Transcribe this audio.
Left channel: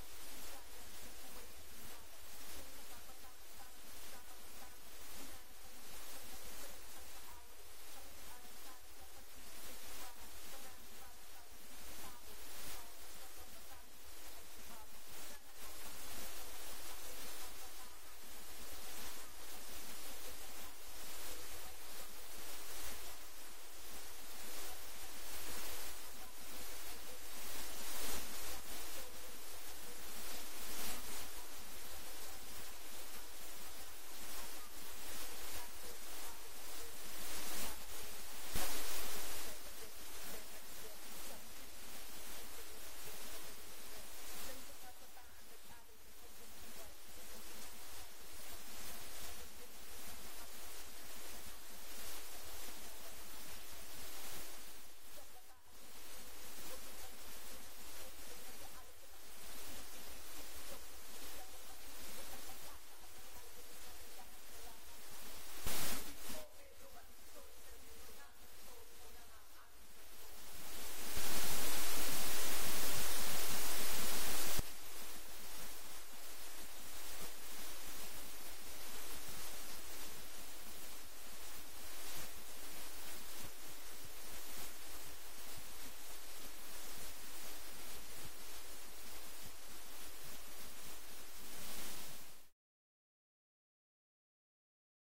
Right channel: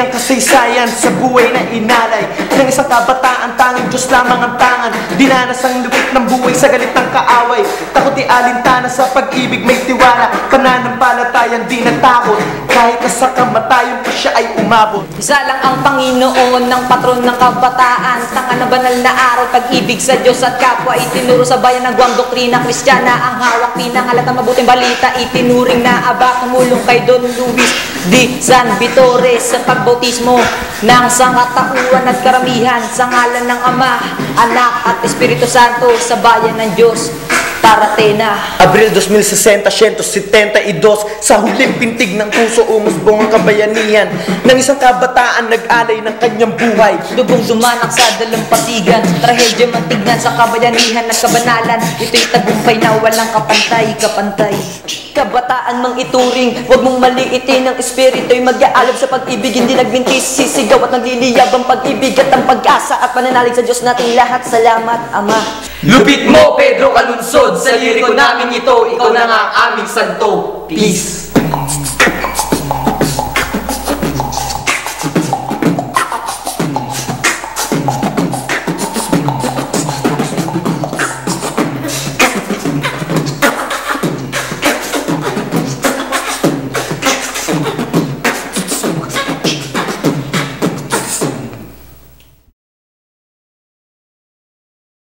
ang kasaysayan sa buhay na inalay. Ng isang kabataan, tanging Diyos lamang ang tangan. Dinanas ang lupit ng buhay sa galit ng kaaway. Takot di alintana sa pag-ibig may tiwala Pananampalatayang di natakot. Kahit na sa kamatayan pa siya ay umabot. Isa lang ang Panginoon ng patron ng kabataan. Tanga na banal na araw, pag-ibig sa Diyos at kapwa. Itinuro sa bayan ng guwang doktrina Kristiyana Ang hawak pinangalat ng mabuting balita. Itinuring na aba tumulong kay Don Luis Di San Vitore Sa pagbautismo ng sangatauan at karamihan Sa ngalan ng Ama, Anak at Espiritu Santo Sa bayan ng Diyos Taratena Abril 2060, 172 Sa huling pintig ng puso umusbong ang kabayanihan Ng isang kabataan nag-alay ng kanyang buhay. Lubong dumanak sa dalampasigan Trahedya man tignan sa kabayanihan at kabanalan. Ito'y tagumpay na walang kapantay, kapantay. Kabataan mang ituring, huwag mong maliitin ang espirito'y mag-aalab sa pag-ibig. Hindi nagbintis, sisigaw at nagliliyab ang pag-ibig at ang pag-asa At pananalig sa Diyos nating lahat, salamat Ama Lupit mo, Pedro Kalunsod, sa liriko namin ito, ikaw na nga ang aming santo. Peace.